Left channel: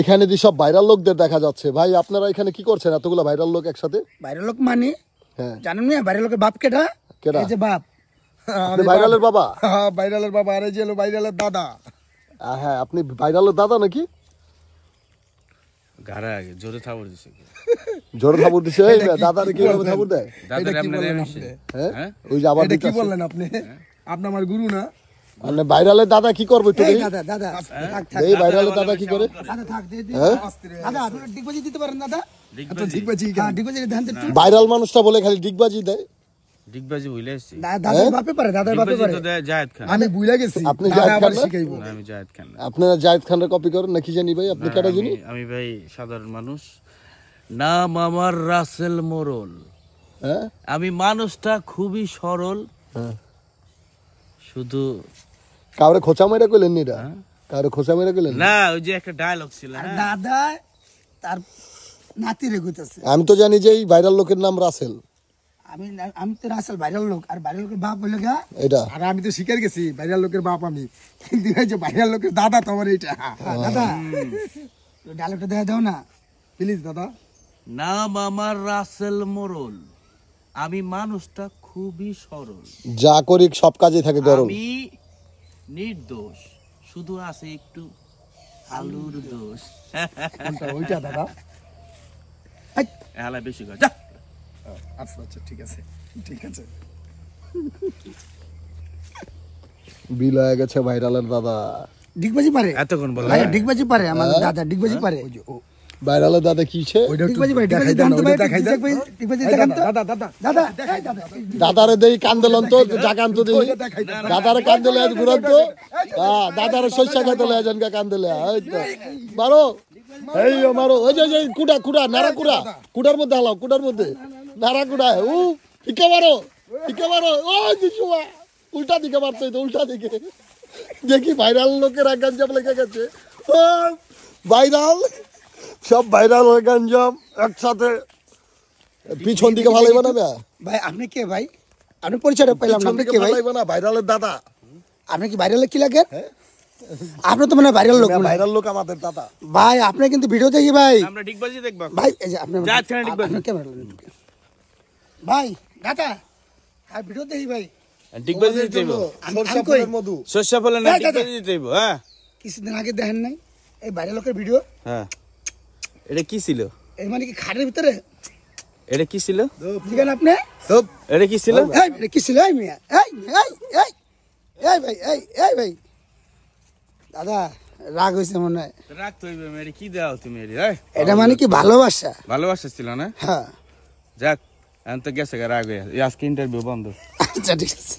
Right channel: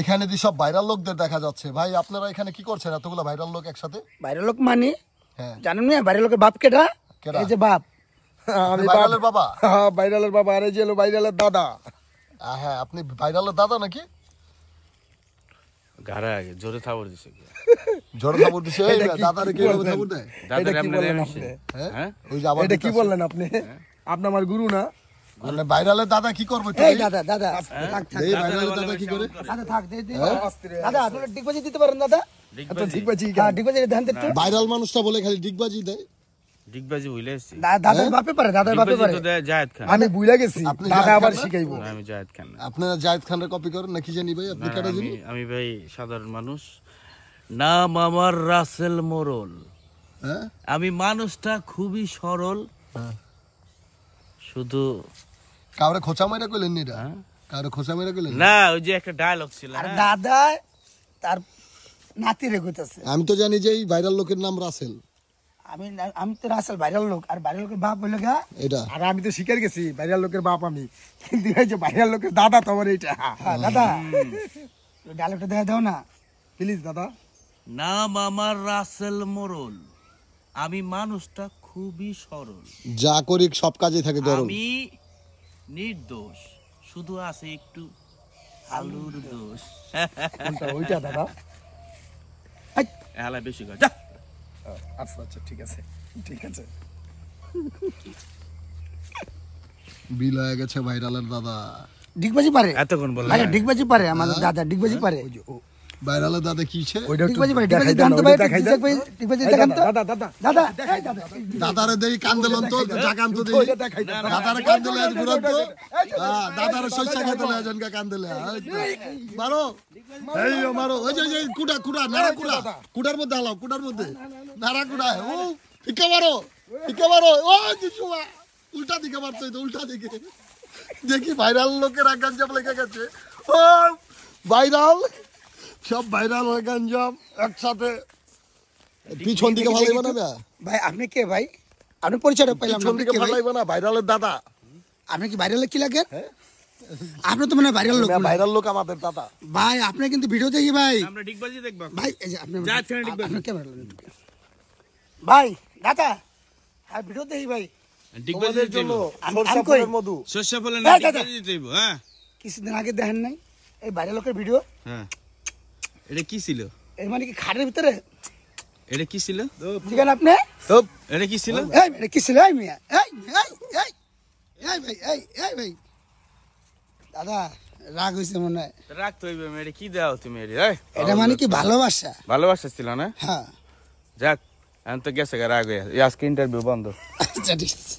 এখানে যে সব ভাইরাল লোকদের দেখা যাচ্ছে, ভাই আপনারা এখানে কি করছেন এতগুলো ভাইরাল লোক একসাথে? ভাইরাল লোক মানে জানেন না ভাইরাল লোকের বাপ কেটা? এই যে বাপ, আমি ভাইরালের বাবা। হ্যাঁ ভাইরালের বাবা, আর এই যে হলো ভাইরালের দাদা। হ্যাঁ আপনি ভাইরালের দাদা নাকি? গাড়া আগে জোরে থাবড় দিছে কি? জোরে থাবড় দিছে? দাদারে কি ভাবে থাবড় দেয়? দাদা আপনি দেন হ্যাঁ এই যে আবার এটা কি বললেন আপনি? আপনি আমার গুরু না? মানে ভাইরালের দাদা কি করবে? এই দাদা দাদা থাক থাক, এই ভাইরালের দাদা কি করে? দাদা থাক দে দে দাদা, আপনি ডিগবাজি দিতে পারেন দাদা? ডিগবাজি, হ্যাঁ ডিগবাজি দেন তো একটু। ভাইরাল মানুষটা বলে খালি ডিগবাজি দেয়। ডিগবাজি ভুইলাইছি দাদার বাপে পারে, দাদার বাপে পারে। জায়েদ খান। আমি ভুইলা গেছি, দাদা আবার শিখাইবো। আমি জায়েদ খান। আপনারা জায়েদ খানের কপি করেন নাকি জানি ভাই? আপনি কাটা জানি? আমি ভাই সাধারণ মানুষ, নাম আমার রাসেল মোরল। হ্যাঁ আমি মানুষটা খুবই সরল, শুধু কাউরে খোঁচা মেরে কইলেন নি? এটা কাউরে খোঁচা মেরে কইলেন না, ওই যে একটা ডায়লগ ছিল আর দাদা তার নাতিরে কইতাছে। আমি তো জানি যে এই ভাইরাল লোকের নাম রাসেল। আমি তো রাসেল ভাইরাল লোক, আর ভাইরাল লোকের বাপ হইলো গা এটা। আর আমি তো শিকার গেছি ভাইরাল লোকের বাপ আমি, কিন্তু এই যে ভাইরাল লোকের দাদা তোমার এইটা। দাদা ডায়লগটা দেখা দাও না প্লিজ দাদা। নাম আমার রাসেল মোরল, আমি মানুষটা খুবই সরল, যা করি সব কাজে থাকে গরম। আমি নির্দোষ, শুধু আছে একটু আলুর দোষ। কোনটা ওইটা দাদা? এলা বেশি কথা। আচ্ছা আচ্ছা ঠিক আছে ঠিক আছে। বিল হয়ে গেছে ভাইরালের দাদা। ডিগবাজি পারে এতক্ষণ বললাম ভাই, ডিগবাজি পারে আমাদের দাদা, ডিগবাজি পারে। ভাইরালের দাদা কিছে? ডিগবাজি পারে, ডিগবাজি দেখান তো ভাই, ডিগবাজি দেখান তো দাদা। দাদা দাদা দাদারে দেই কান্দেলন তো ডাকান তো দেই। দাদারে কান্দেলে আজ ঘুরন্ত। হ্যাঁ দাদারে সইসা খাইতে লয় জানকা কান্দেলে। এই তো মারো, এই মারো। ওই যে কুড়া কুড়া নাড়া কুড়া, কুড়ার মধ্যে হালাও, কুড়ার মধ্যে নাড়া কুড়া। ও ঠিকা মারো, ঠিকা মারো। ও জিসুমা উল্টা দিকে মারতে তো, উল্টা দিকে। দেখি ভাইরাল লোকের গঞ্জাম লেগে গেছে। ও ভাইরাল, সব ভাইরাল গঞ্জাম একসাথে পিছন দিকে ভালোই বানাবে। ভাই আপনি কে ভাই? আপনি পরিচয়টা পেলাম না, আপনি কে ভাই? ভাইরালের দাদা। আপনি কি ভাইরালের কি লাগে? আপনি তো মানে ভাইরাল লোক। ভাইরাল লোক আমাদের দাদা। ভাই আপনি কিন্তু ভিডিও দেখি ভাই। আমরা ডিগবাজি দেখব ভাই এই যে আপনি জায়েদ খানের ডিগবাজি। আপনি ক্যামেরা নেন ভাই, দাদা আর ভিডিও দেখি ভাই। ডিগবাজি দেব, সরষা ফুলের মধু। সরষা ফলে না ডিগবাজি দেব। হ্যাঁ কিছুদিন আগে দেখেন নাই এই ভাইরাল লোকের ভিডিও? হ্যাঁ এটা কি ছিল? এর মানে কি খাটের ভিতরে? এটা কি ছিল? জিগান আপনি এটা কি ছিল? এই এটা কি ছিল? এই মিয়া এই এই এই ভাই এই ভাই দাদা রাগ হইছে মনে হয়। রাগ তো হইবে, এটা কি দাও তুমি? এটা মানে কি ভালোবাসা? ভালোবাসা ছিল না? হ্যাঁ যাক এখন তো গেছে রাগ হয়ে, আজকে ইন্টারভিউ বন্ধ। আচ্ছা ঠিক আছে।